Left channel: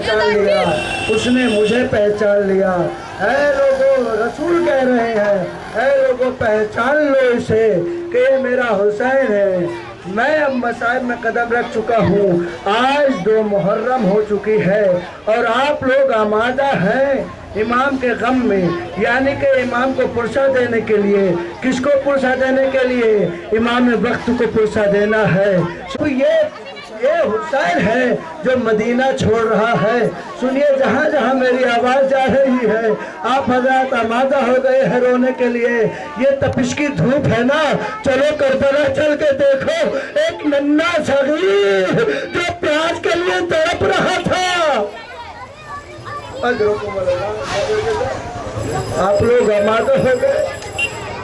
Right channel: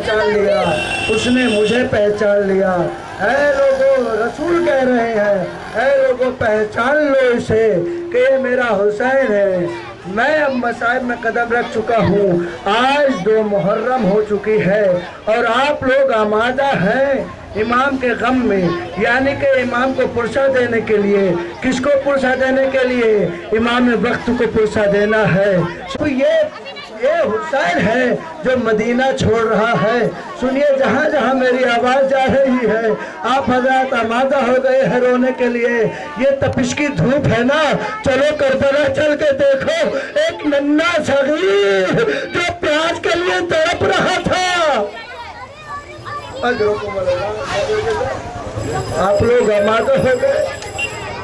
पहचान लिया, उसने मुझे पहचान लिया। ऐ लोगों, रसूल कह रहे हैं, ऐ लोगों पहचान लो इसे कि ये मेरा हुसैन है। मैं अब मसाइब में कदम रख चुका हूँ। आज 2 मुहर्रम हो चुकी है और आप लोग आमादा हैं इमाम के गम में, यानी कि इमाम को पुरसा देने के लिए। किसको पुरसा देने के लिए? इमाम वक्त को पुरसा देना है। तो ये हुसैन है जो मदीना छोड़ रहा है। सुनिए, जहाँ जहाँ मेरी आवाज़ जा रही है, आप हजरत आमादा हो गए हैं रोने के लिए। ये तपिश की धूप है ना, चलो करबला चल के देखो, एक नन्हा सगीर जो प्याज के लिए तड़प रहा था। आप लोग आमादा हो गए,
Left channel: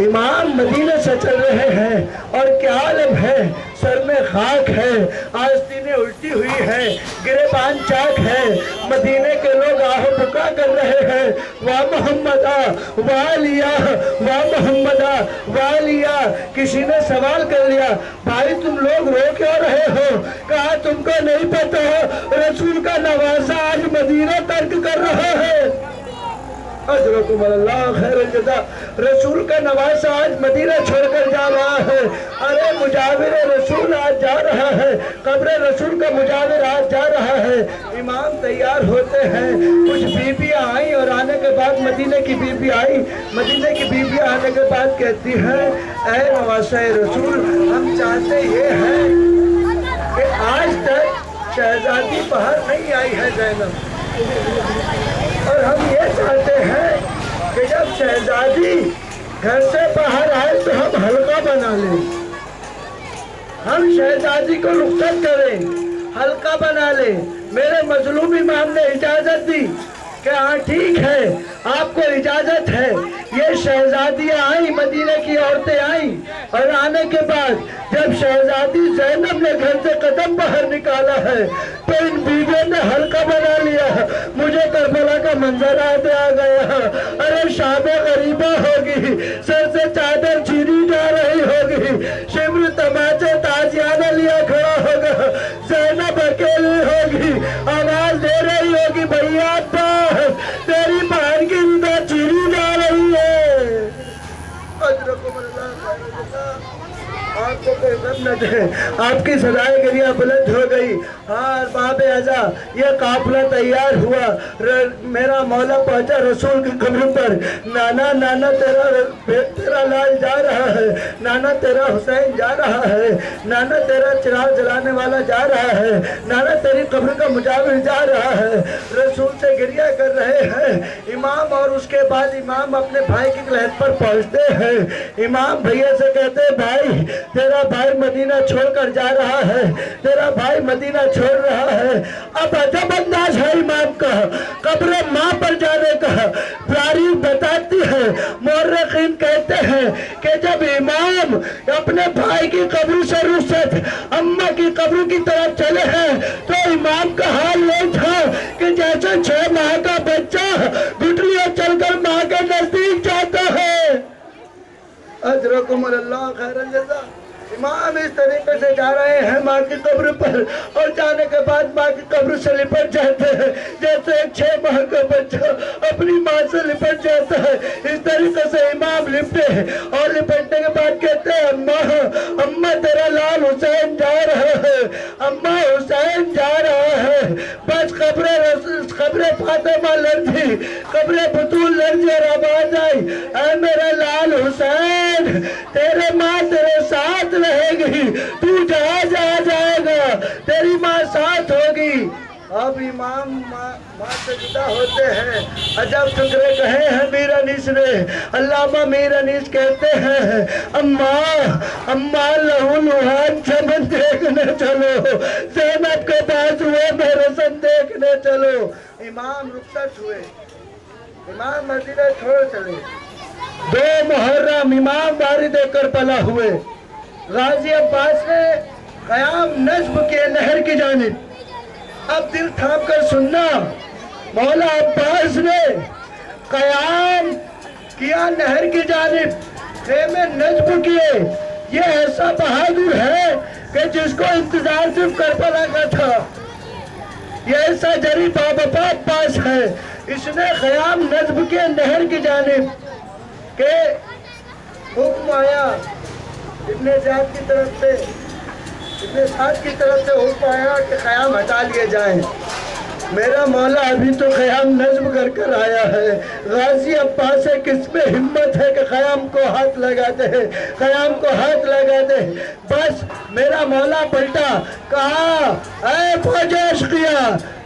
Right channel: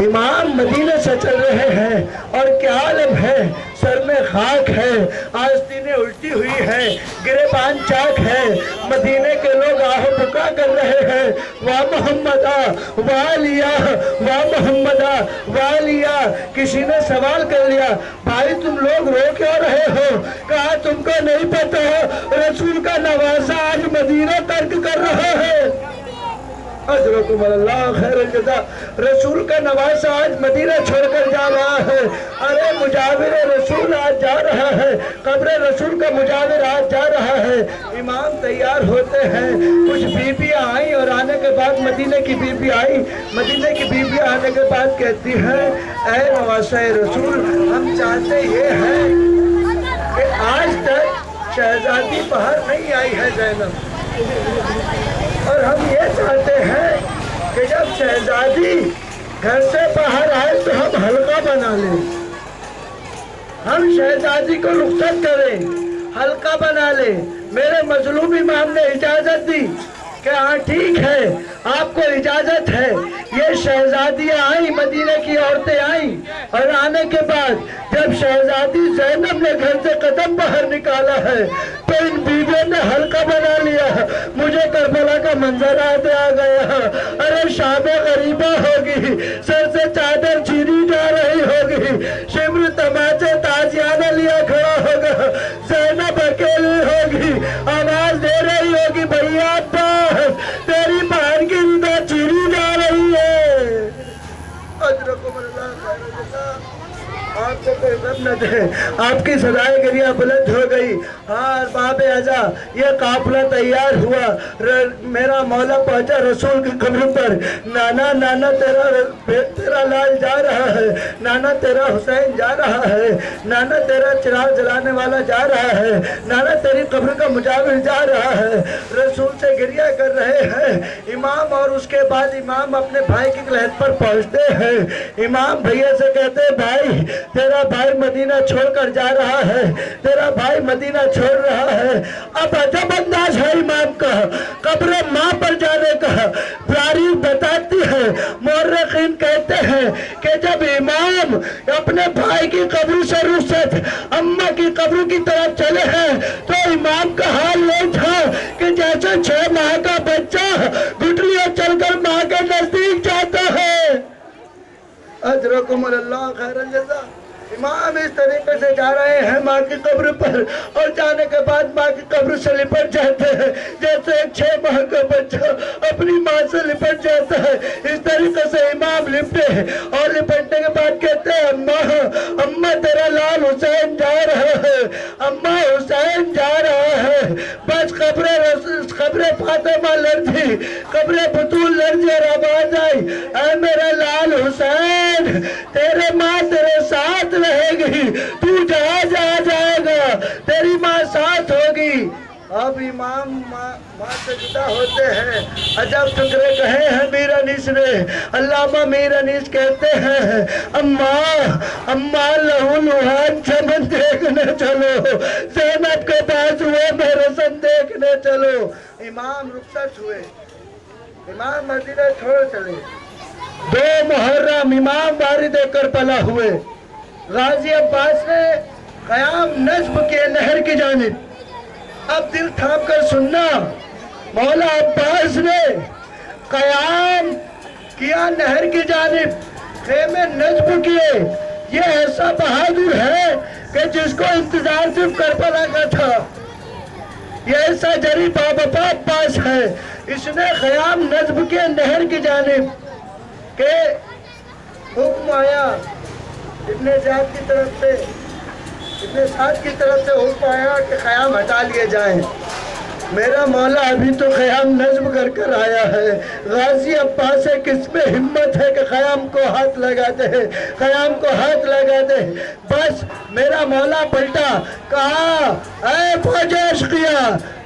इमाम मदीने से चल रहे हैं और क्या आलम है, सर में खाक है, आस्तीनें उल्टी हुई है, गिरेबान चाक है। मदीने के लोग आह पुका कर रहे हैं, वाह मोहम्मदा वाह लिया, वाह मोहम्मदा वाह लिया। किसी ने सवाल कर लिया, भाई तुम लोग रो क्यों रहे हो? कहा तुमको नहीं पता, रसूल का नवासा आज मदीना तर्क कर रहा है। रसूल का नवासा आज मदीना छोड़कर जा रहा है। अरे मुजाविर रसूल आज जा रहा है, कब्र रसूल का मुजाविर आज जा रहा है। इमाम तैयार होते हैं, कुछ बीबियाँ आई और आने के बाद मदीने की बीबी आई। मदीने की बीबी आने के बाद कहती है, ऐ नवासा रसूल, हम चाहते ये हैं कि आज तक शहजादी बाहर नहीं आई है ज़ैनब, और हम ये चाहते हैं कि जब शहजादी घर से बाहर आए तो हम हल्का बना लें, हम शहजादी को रुखसत करें, हल्का बना लें। मेरे मजलूम इमाम ने इजाजत दी कि हाँ ठीक है, आपको इजाजत है। ये शहजादियाँ आई, मदीने की औरतें आई, और आने के बाद जब शहजादी ज़ैनब ने घर से कदम बाहर निकाला है तो इन बीवियों ने हल्का बना लिया। मुझे करबला का मंजर याद आ गया। अरे शाबे गरीबा होगी, सर से चादर चीरी जा रही होगी, शिम्र तमाचे ताजियाना लिया खड़ा होगा, ज़ैनब अकेली होगी, आवाज दे रही होगी, भैया तेरी बहन की रिदा चीरी जा रही है। आपको कोई गम न दे, आपकी सदाई गिरिया बुलंद हो गई। हाँ बाबे आजा, ये काफिला तैयार हुआ, मेरा मौला पहुंचा रसूल की कब्र पर। नाना नाना तेरा लाल जा रहा है, नाना तेरा हुसैन जा रहा है, नाना तेरा चिराग जलाने वाला जा रहा है, नाना तेरी कब्र का मुजाविर जा रहा है। रसूल से गिरिया कर रहे हैं इमाम, और उसके बाद इमाम अपने भाई की लहद पर पहुंचते हैं। इमाम भैया से कहते हैं, भाई तेरा भाई मदीना छोड़कर जा रहा है, तेरा भाई मदीना छोड़ रहा है। अब अजब अंदाज है इमाम का कब्र माँ पर जाने का। तारीख बताती है, मुर्रिखीन कहते हैं कि जब इमाम अपने भाई की कब्र से रुखसत अम्मा की कब्र की तरफ चले हैं तो इमाम का हाल ये था कि जैसे 6 माह का बच्चा घुटलियों चलकर माँ के नजदीक जाता है। अजरकुम अल्लाह खैरल जज़ा। इमाम इस तरीके से जा रहे हैं माँ की कब्र पर, और जाने के बाद माँ की कब्र से लिपट जाते हैं जैसे एक 6 माह का बच्चा अपनी माँ से लिपट जाता है। इस तरीके से इमाम लिपटे, और लिपटने के बाद कहते हैं, अम्मा अम्मा तेरा लाल हुसैन जा रहा है, अम्मा हुसैन जा रहा है। बस खबरे फातिमा लर्जी, खबरे बतूल लर्जी, और आवाज आई, ऐ मेरा लाल हुसैन, तेरे माँ तेरे साथ रहेगी, तू जहाँ जा जाएगा तेरी माँ साथ होगी। अब इमाम माँ से जुदा होते हैं। अजब टुकड़े कहे हैं मीर अनीस ने। अल्लामा मीर अनीस कहते हैं, अम्मा अम्मा लहूलुहान चमन देखने चलो, ज़ैनब के पास हुए मेरे सन देखने चलो। इमाम रुखसत हुए, इमाम मदीना छोड़ चले। 2 मुहर्रम इमाम वारिद करबला हुए। गाजी अब्बास ने क़याम नस्ब किए नहर की जानिब। अब दिल थाम कर सुनना, मौला अब्बास ने क़याम किया नहर की जानिब, खेमे नस्ब किए। ये ऐसा बहादुर है कि जिसको इंतजार सिर्फ करबला का था। ये ऐसा जरी बाबा पास है, इसने ख़याम नज्म के नहर की जानिब के हुक्म आया, इब्ने ज़ियाद की तरफ से, इब्ने साद की तरफ से हुक्म आया कि ख़याम हटा लिए जाएं। मेरा मौला अभी तो ख़याम नज्म कर कर आया है। गाजी अब्बास है, किसमें हिम्मत है कि ख़याम को हाथ लगा दे, ख़याम को हाथ लगा दे। बस मेरा मौला पलटा, कहा ऐ फौज किया,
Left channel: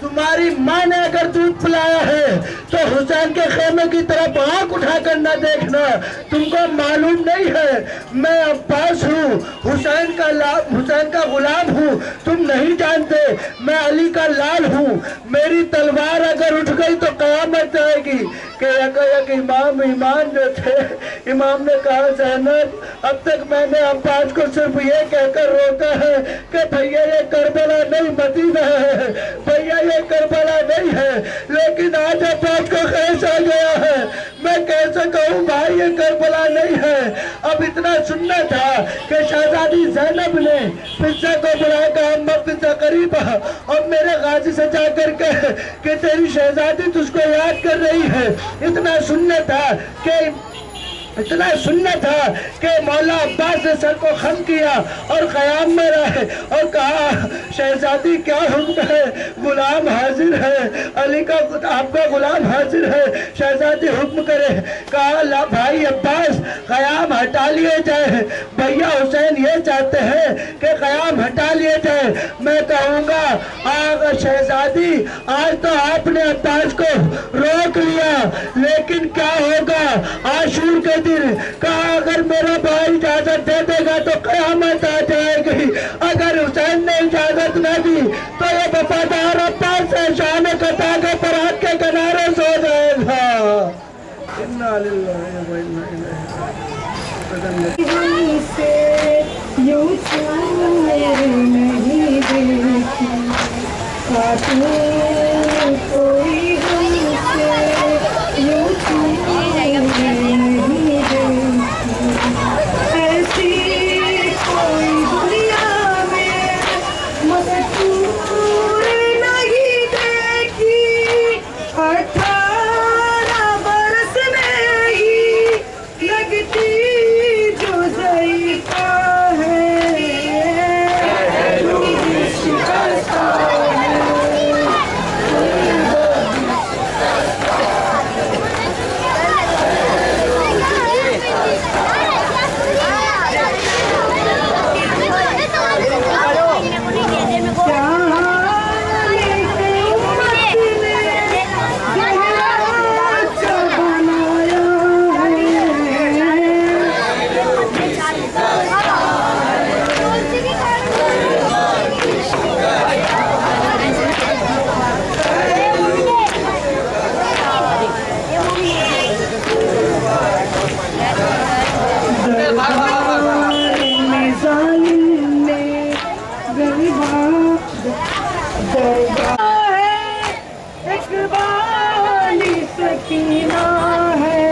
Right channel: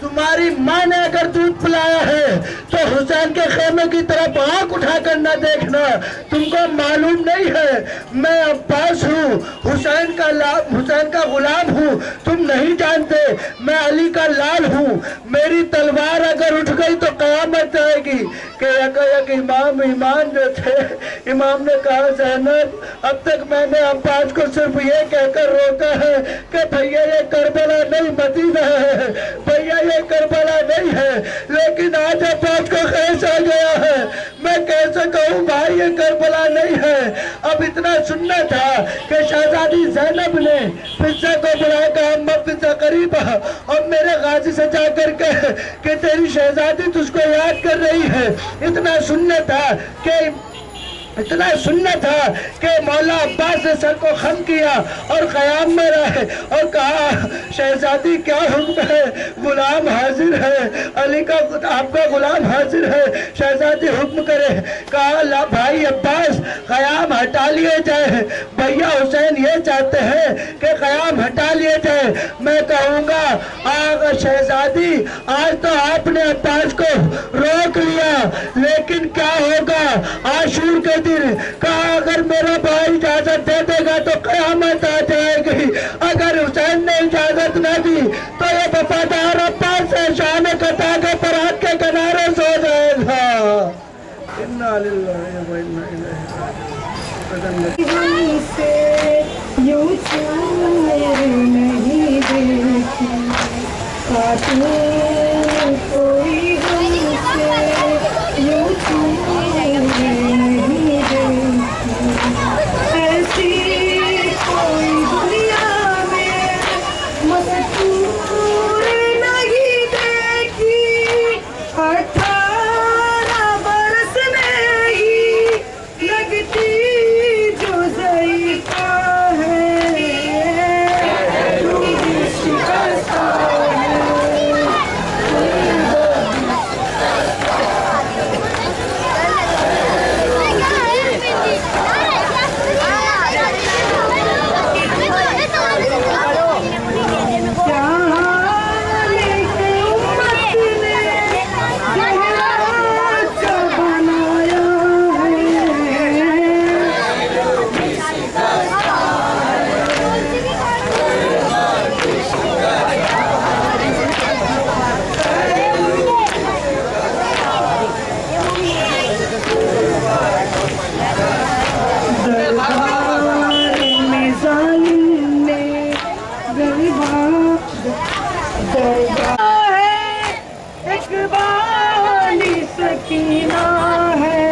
तुम्हारी माँ ने अगर दूध पिलाया है तो हुसैन के खेमे की तरफ आंख उठाकर न देखना। तुमको मालूम नहीं है मैं अब्बास हूँ, हुसैन का गुलाम हूँ। तुम नहीं जानते मैं अली का लाल हूँ। मेरी तलवार अगर उठ गई तो कयामत आएगी। कि एक इमाम ईमान जो थे, इमाम ने कहा ज़ैनब अब तक मैंने अब्बास को सिर्फ ये कहकर रोका है कि भैया ये करबला नहीं मदीना है, भैया ये करबला नहीं है। लेकिन आज अब्बास को ख्याल आ गया है, मैं कैसे कहूँ भाई ये करबला नहीं है। अब इतना सुनना था कि शहजादी ज़ैनब ने फिजा को बुलाया, कहा अम्मा फिजा करीब आ और मेरे गाजी से जाकर के कि तेरी शहजादी तुझको याद कर रही है। इतना सुनना था कि मौला अब्बास ने सर को खम किया और क़याम में रहे और कहा शहजादी क्या हुक्म है, गुलाम हाजिर है, अली का आपका गुलाम हाजिर है, शहजादी हुक्म करे। कहा ला भाई अब्बास क़याम हटा लिए जाए, भैया हुसैन ये चाहते हैं कि क़याम हटा लिए जाए। मैं कहूँगा आग शहजादी आज तो आपने अब्बास को रोक लिया, लेकिन क्या होगा आशूर के दिन। कहा अगर मेरा भाई इजाजत दे देगा तो क़यामत आ जाएगी, अगर हुसैन ने इजाजत न दी तो ये वफादार अब्बास से शान कता के परात के किनारे सो जाएगा। इन्ना लिल्लाहि व इन्ना इलैहि राजिऊन। यूं नहीं देखी कोई हमसे यूं ऐसी कोई दुनिया में मस्तूर नहीं देखी। 18 बरस में ही लगती जो ज़ईफ़ा है, शिकस्ता सकीना है,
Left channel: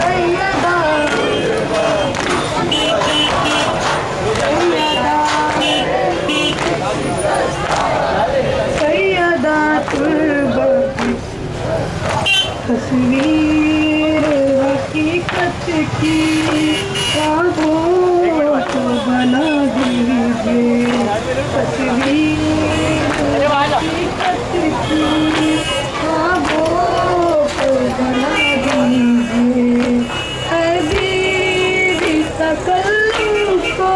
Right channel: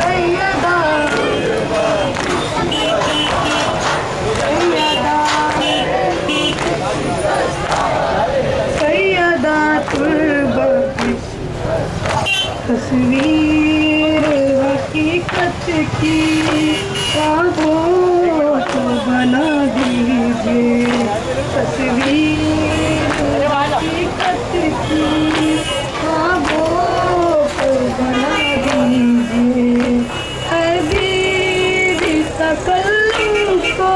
सैयदा सैयदा तस्वीर हकीकत की ख्वाबों को बना दीजिए, तस्वीर हकीकत की ख्वाबों को बना दीजिए। बीवी तकल्लुम को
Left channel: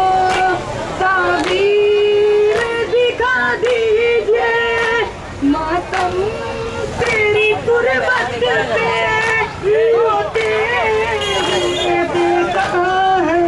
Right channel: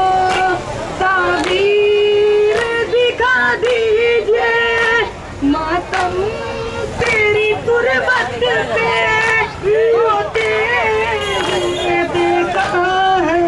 ताबीर दिखा दीजिए, मातम तेरी तुरबत पे होते हुए देखा है।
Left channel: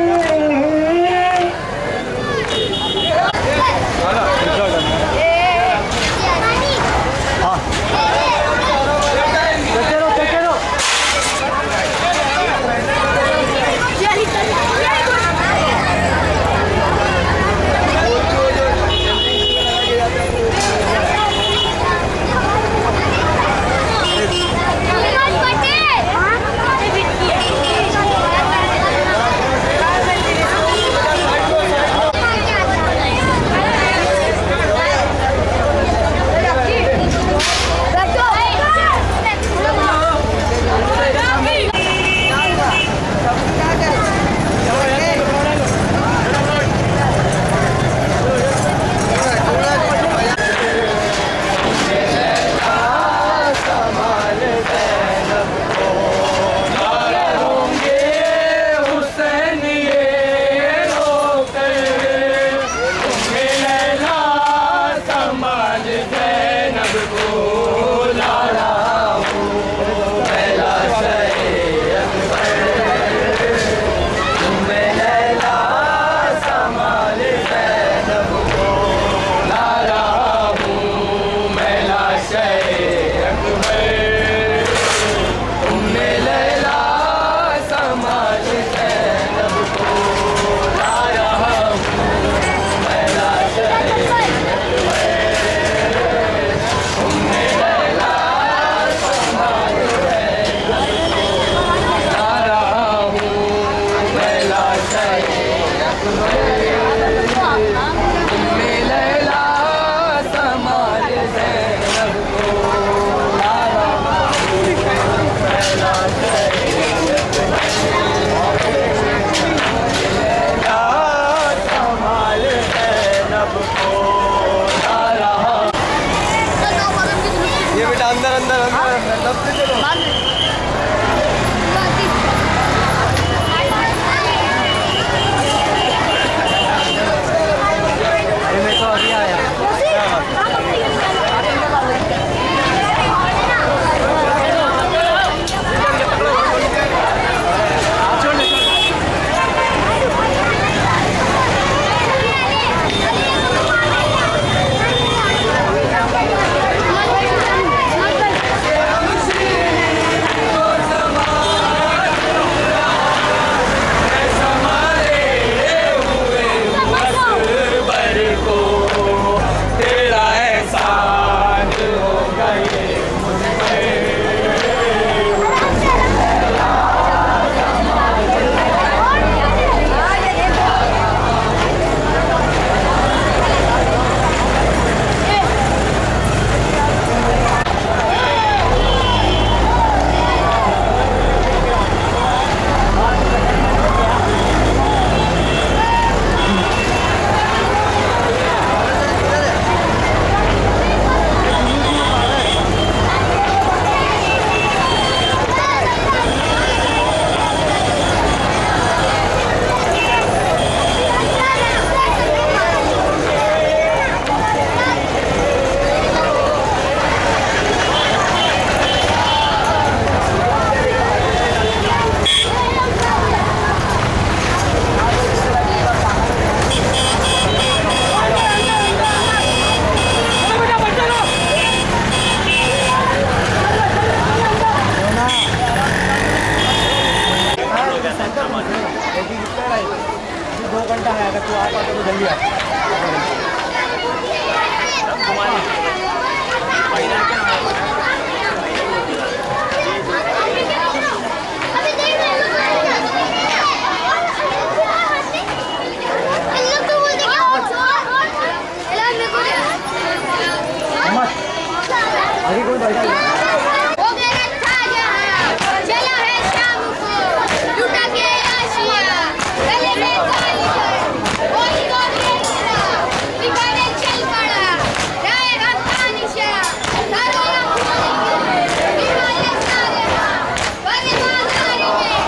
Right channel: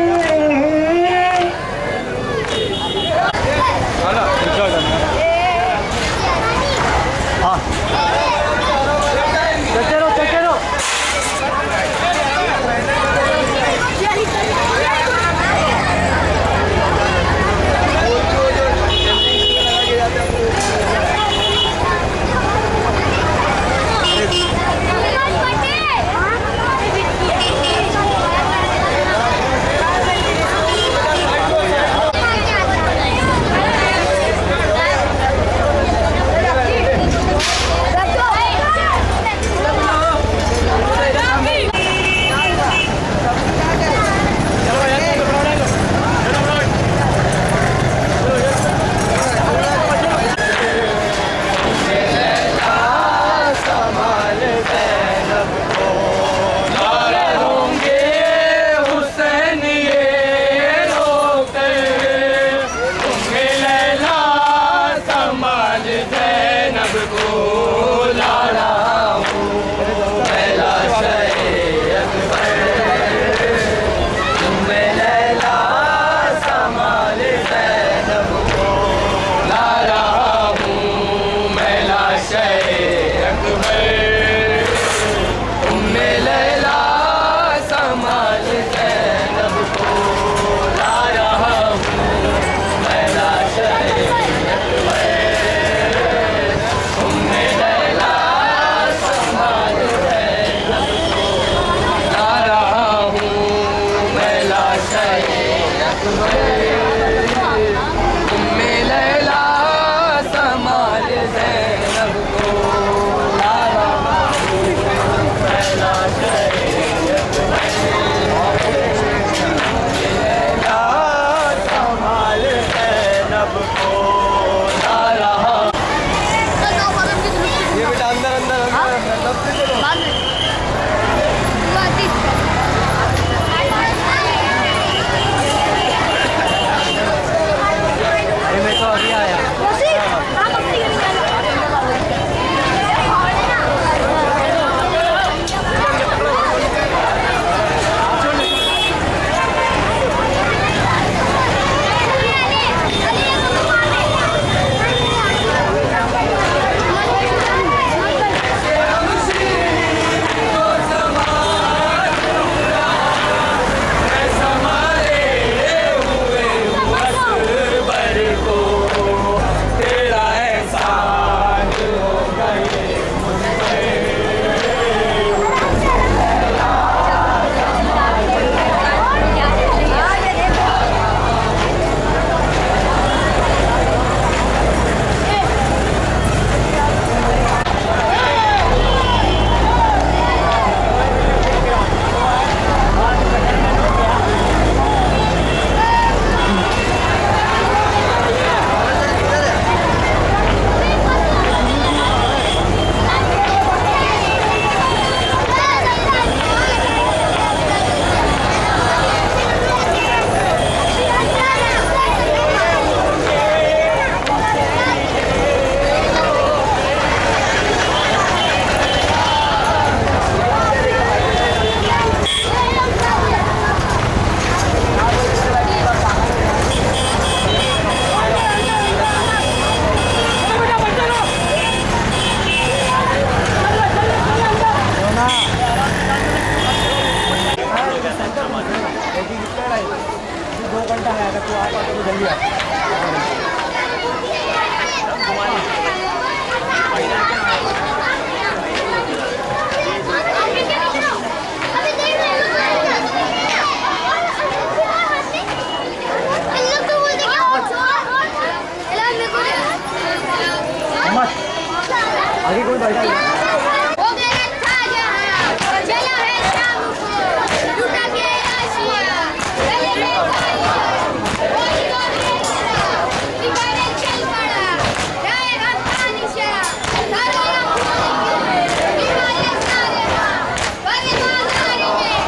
ये बेटा अंदर अंदर अंदर तब से चलो। ये मैं तो अभी आया। आगे कोई बैठा है। हो गया था जहां चला है शाम को लुटा के आशिया गले में कोई बिगाड़े चल पड़ा जाएगा तानिशा तारों हिमालय सारे बड़े बाजारी में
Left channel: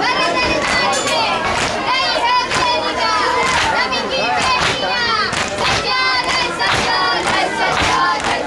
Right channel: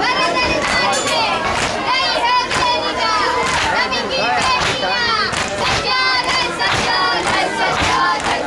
बड़े दरबार में नहीं है बेनिका नबी की बेटियां सच्चा है सच्चा है सच्चा है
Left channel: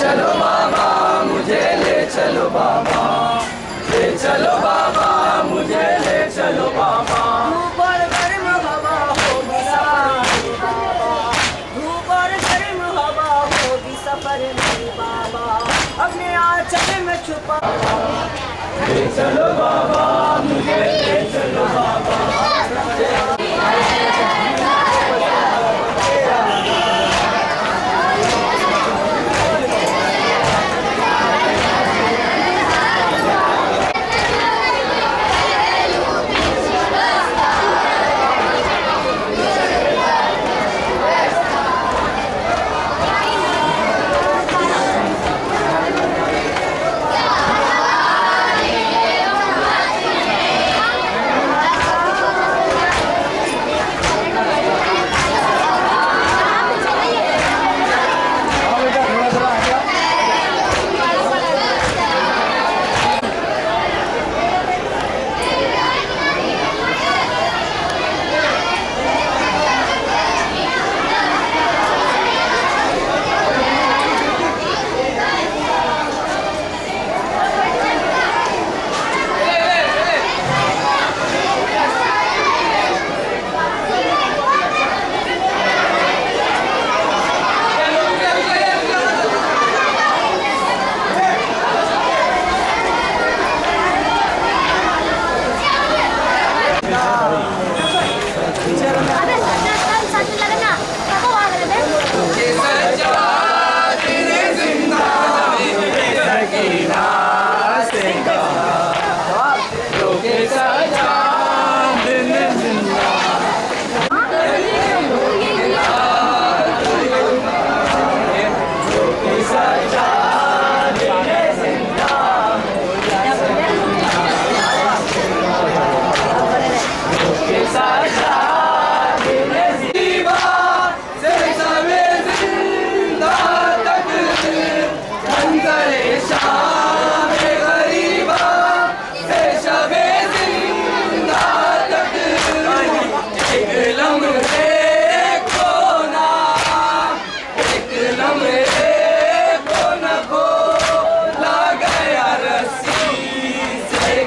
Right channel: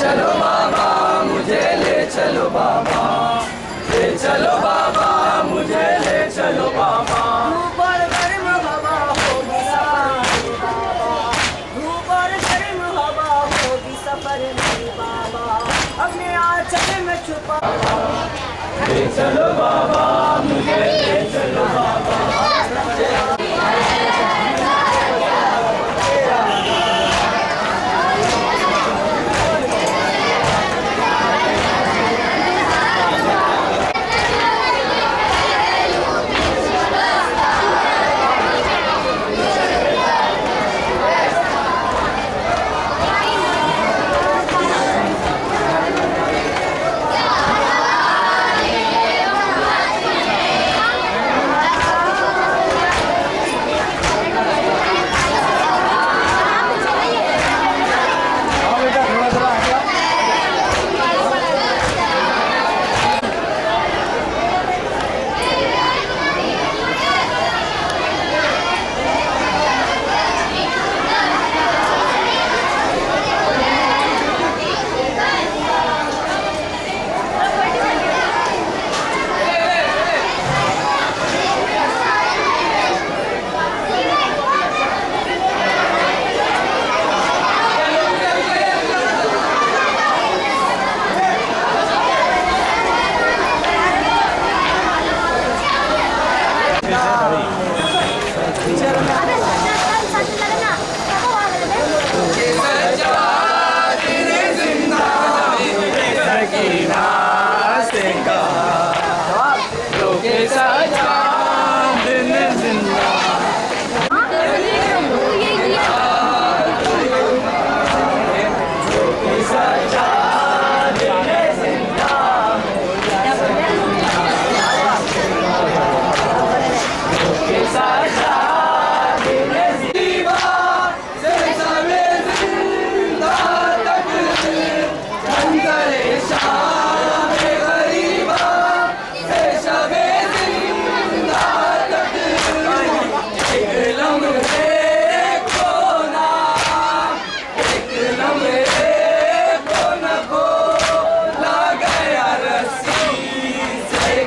चलो बाबा मुझे ले चलो बाबा, ले चलो बाबा मुझे ले चलो बाबा। धूप और गर्म हवा होगी सफर बाबा, धूप और गर्म हवा होगी सफर में बाबा, अपने आंचल में छुपा। ले चलो बाबा मुझे ले चलो बाबा।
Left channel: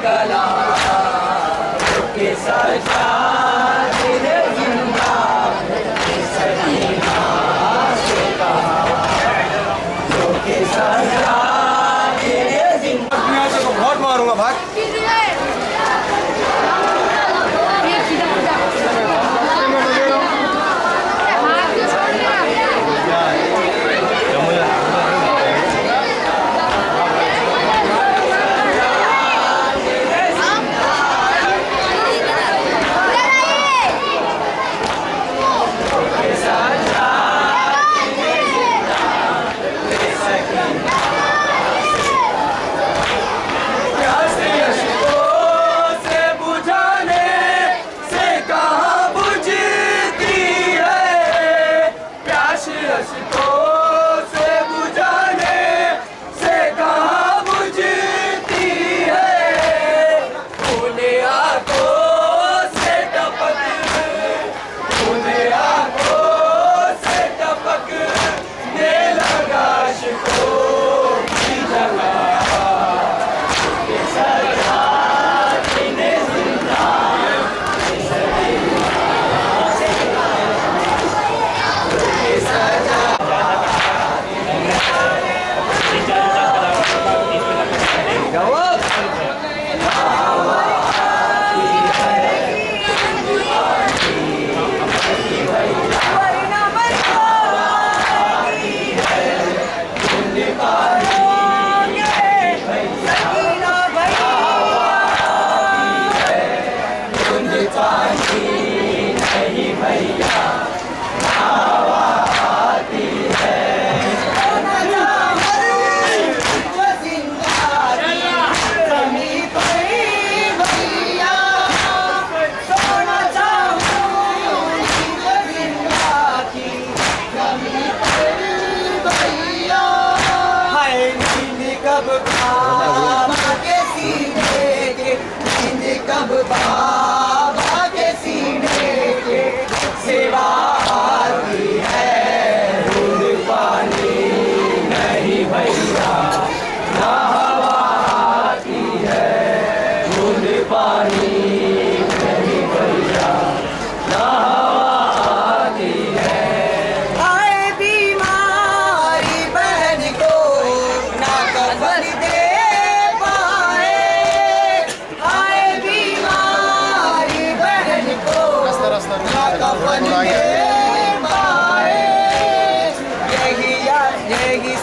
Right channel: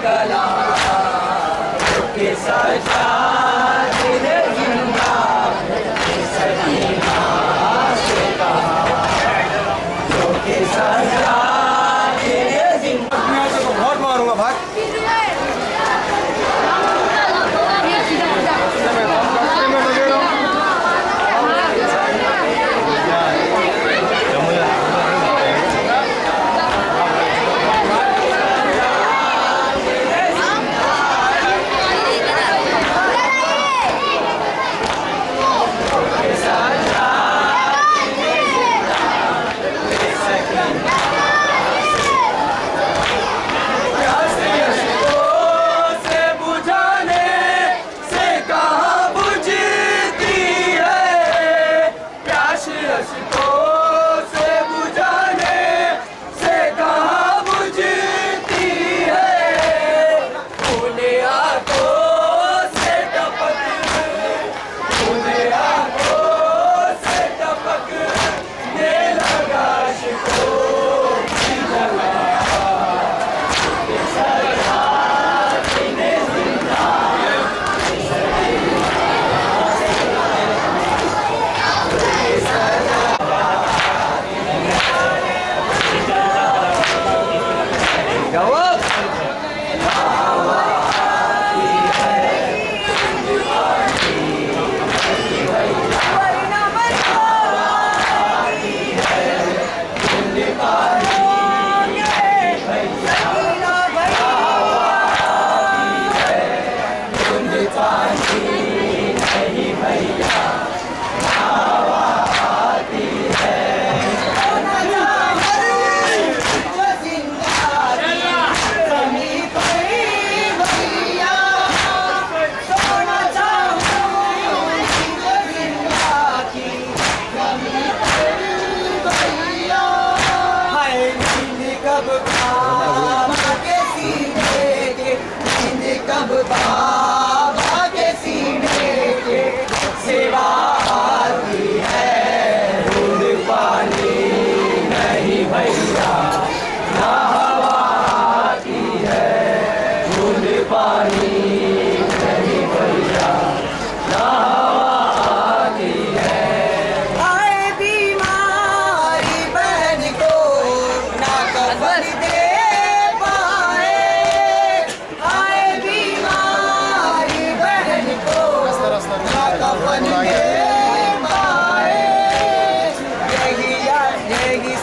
गला के सजा तेरे जिंदा सकीना से कहा के सजा तेरे जिंदा बहुत मारूंगा भाग बाबा के सीने के सेवा आती है दूध पानी नहीं भैया ना हवा आती है दूध पानी नहीं भैया ना हवा आती है आए बीमारी बहन को ना कफन दे पाए आए बीमारी बहन को ना कफन दे पाए यही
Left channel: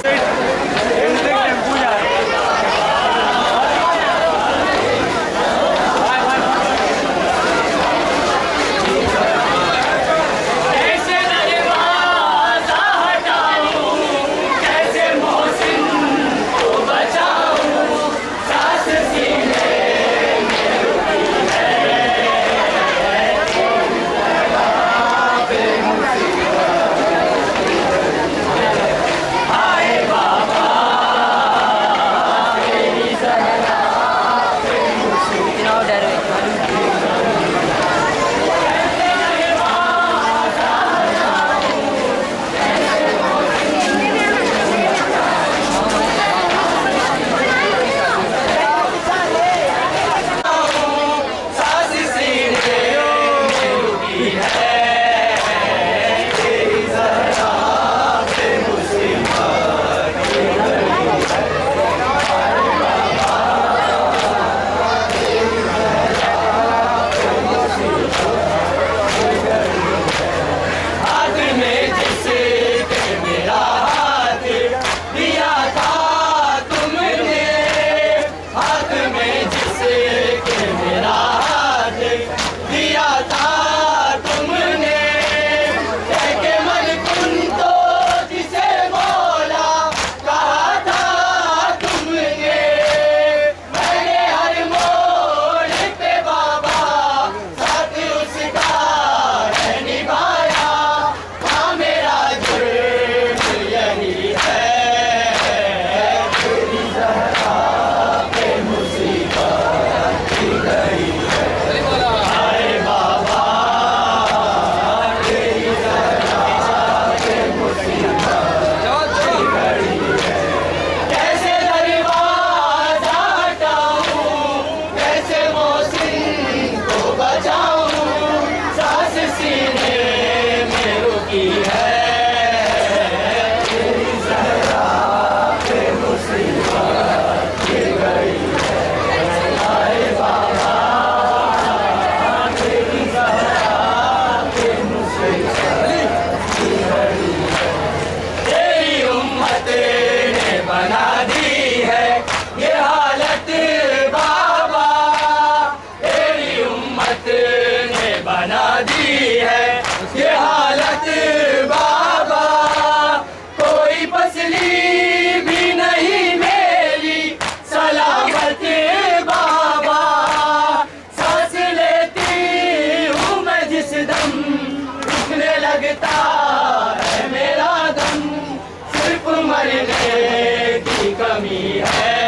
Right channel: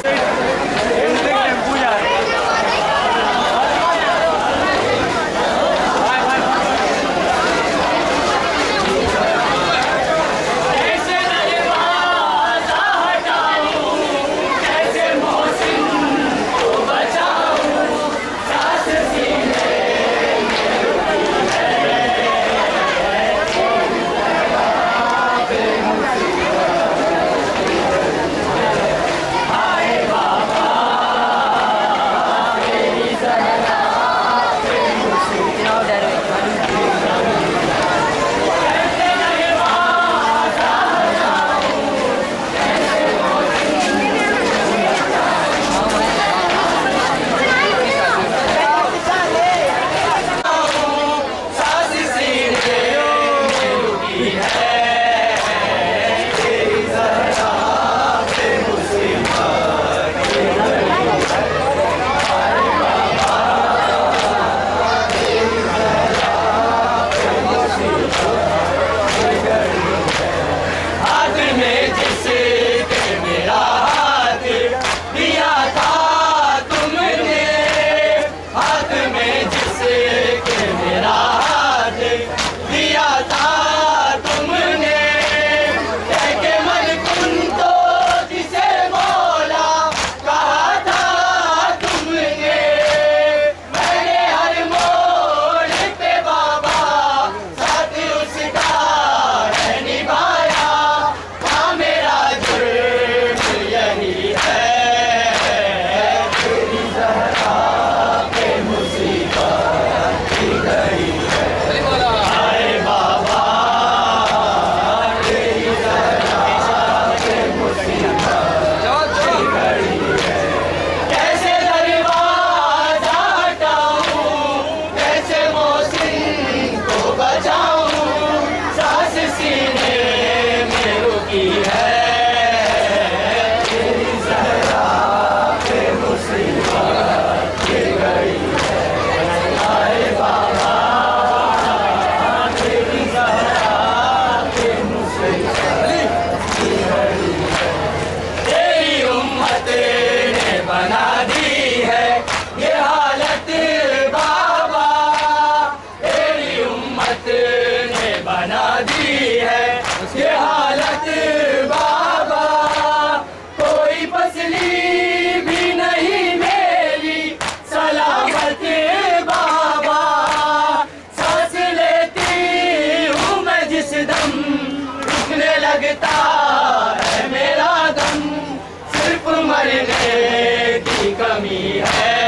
कमी है